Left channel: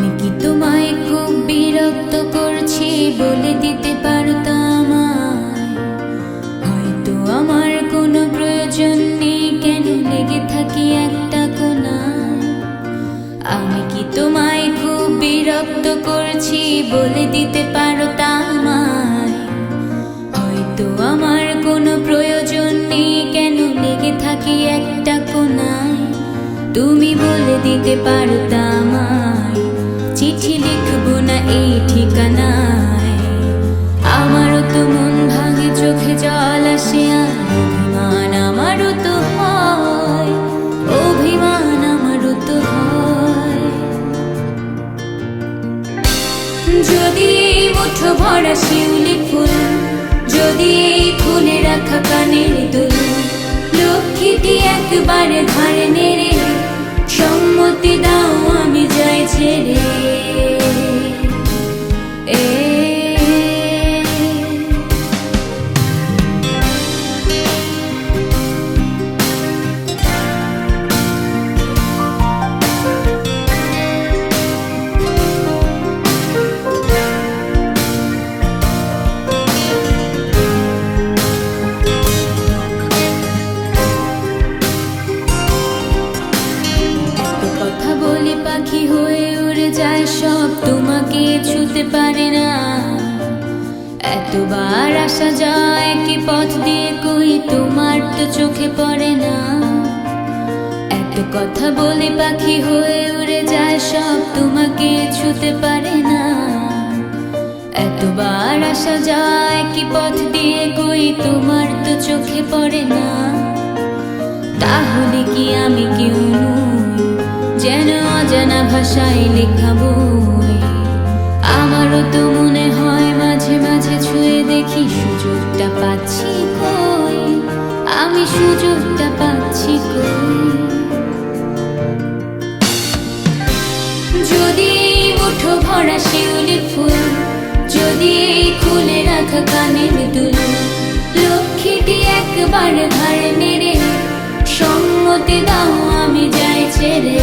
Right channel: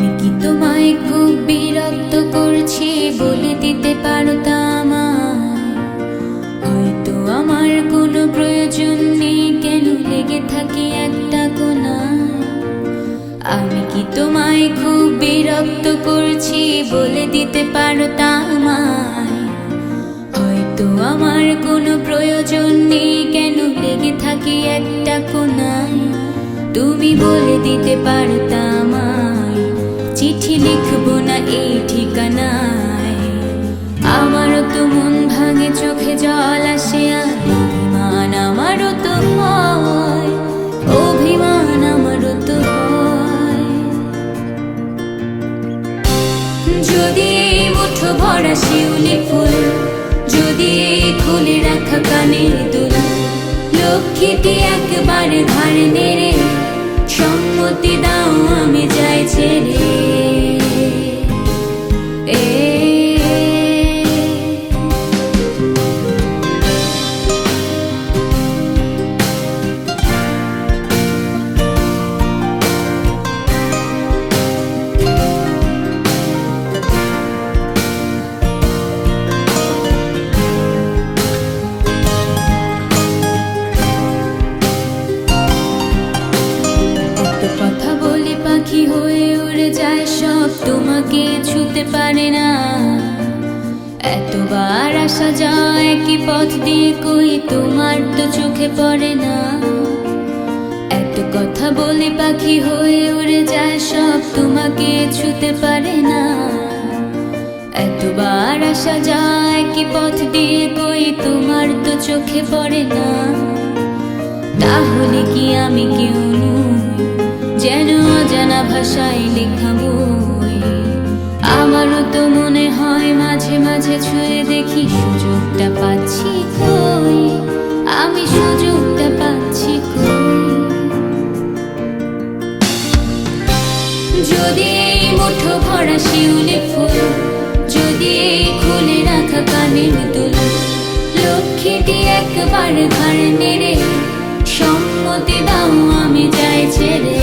আমি কি তোমায় খুব বিরক্ত করছি বলে দিতে পারতা আমায়? হয়তো আমার কোনো প্রয়োজন নেই, কেন লেগে থাকি একটা কোনায়। আমি কি তোমায় খুব বিরক্ত করছি বলে দিতে পারতা আমায়? হয়তো আমার কোনো প্রয়োজন নেই, কেন লেগে থাকি একটা কোনায়। তুমি বলে দিতে পারতা আমায়, চিঠি লিখবো না এই ঠিকানায়। আমারও তো মন ভাঙে, চোখে জল আসে, আর অভিমান আমারও তো হয়, অভিমান আমারও তো হয়। যদি এই মুঠো ভরা শিউলি ফুল, যদি এই খুলে রাখা কানের দুল, লক্ষ্মীটি একবারে ঘাড়ে নেড়ে সম্মতি দাও আমি যাই ছেড়ে। এত কথা বলি পাখি হয়ে উড়ে যায় সব, তোমাকে ছুতে পারে না। এতবার আসা যায় একই পথ দিয়ে, কই তোমার তো চোখে পড়ে না। এত কথা বলি পাখি হয়ে উড়ে যায় সব, তোমাকে ছুতে পারে না। এতবার আসা যায় একই পথ দিয়ে, কই তোমার তো চোখে পড়ে না। তাহলে কি আমি কেউ নই, যেন অজানা ভাষায় লেখা বই? আমারও তো মনে হয় মাঝে মাঝে ছুঁয়ে দেখি, সুযোগটা পাচ্ছি কই, আমি সুযোগটা পাচ্ছি কই। যদি এই মুঠো ভরা শিউলি ফুল, যদি এই খুলে রাখা কানের দুল, লক্ষ্মীটি একবার ঘাড় নেড়ে সম্মতি দাও আমি যাই ছেড়ে।